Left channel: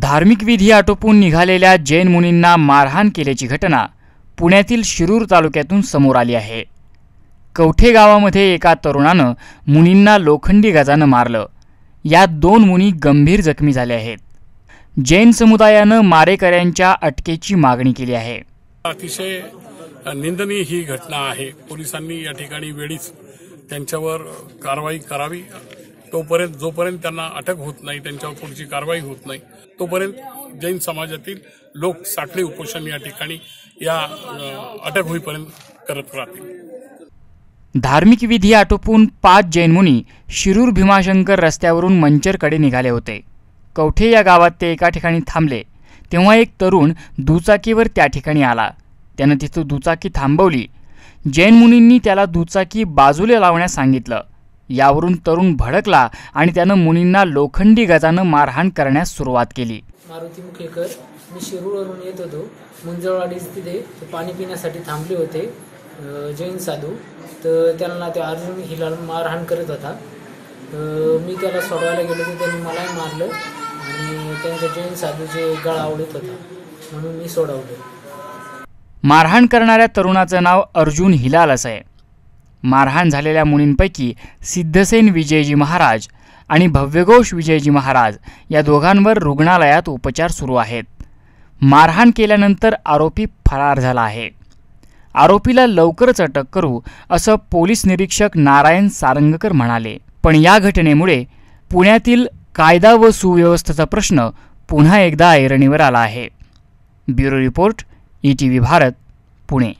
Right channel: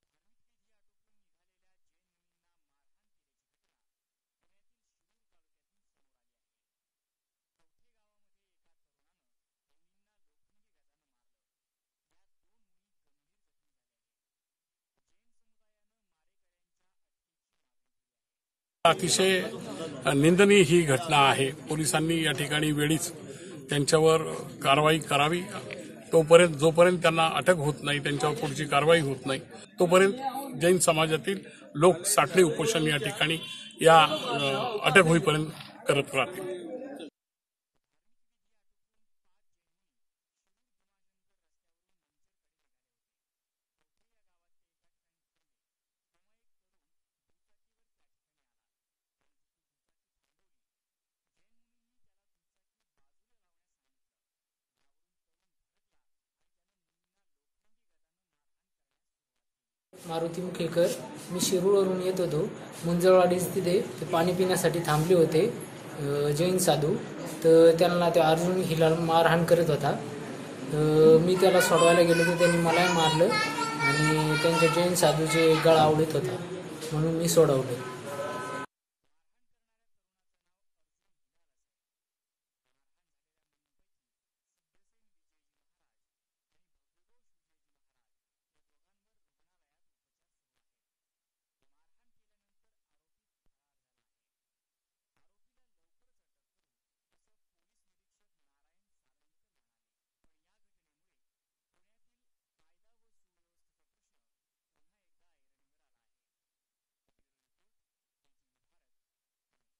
धार्मिक विधी आटोपून निघालेल्या जैन मुनींना मारहाण केल्याची घटना पुण्यातील शिरूर तालुक्यातून समोर आली आहे. कवठे गावामध्ये एका तरुणानं मुनींना लोखंडी गजानं मारलं. यात दोन मुनी गंभीर जखमी झाले आहेत. जैन समुदायानं मारेकऱ्यांच्या अटकेची मागणी केली आहे. अतिशय निंदनीय ही घटना आहे. पोलिसांनी या ठिकाणी वेळीच त्यांच्यावर कारवाई करावी. तोपर्यंत जोपर्यंत त्यांना अटक होत नाही त्यांच्यावर पुढची कारवाई होत नाही तोपर्यंत जैन समाजातील लोक साखळी उपोषण या ठिकाणी या अटक होईपर्यंत करत राहतील. धार्मिक विधी आटोपून पाच जैन मुनी शिरूर भीमाशंकर रस्त्यावरून मंचरकडे निघाले होते. कवठे या गावात ते एका ठिकाणी थांबले. तेव्हा एक तरुण दुचाकीवर त्या ठिकाणी आला. त्यानं तिथं दुचाकी थांबवली. जैन मुनींनी त्याला दुचाकी बाजूला लावण्यास सांगितलं. यावरून तरुण भडकला आणि त्यानं मुनींना लोखंडी गजानं मारहाण करण्यास सुरुवात केली. मारुती मुखेकर मी शिरूरवरून येत होतो. मुंजळवाडी तिथे ते पाणी पिण्यासाठी थांबले होते जैन साधू. तर त्यांना ते अर्जुन हिला मारहाण करत होता. तर मी त्याला सोडवायला गेलो तर त्यांनी मलाही मारलं आणि त्यांच्या जैन साधूचे गळा आवडत होता. म्हणून मी सोडवलं. मारहाण करणाऱ्या तरुणाचं नाव अर्जुन हिलाल असं आहे. मारहाण झालेल्या मुनींपैकी सिद्धसेन विजयजी महाराज आणि भव्यघोष विजयजी महाराज या दोघांवर रुग्णालयात उपचार सुरू आहेत. मारहाण केल्यानंतर आरोपी फरार झाला आहे. आरोपीला लवकरच अटक करू असं पोलीस निरीक्षक नारायण सारंगकर म्हणाले. पण या घटनेमुळे पुण्यातील कायदा व सुव्यवस्थेचा प्रश्न पुन्हा एकदा ऐरणीवर आला आहे. Bureau report E T V Bharat Pune.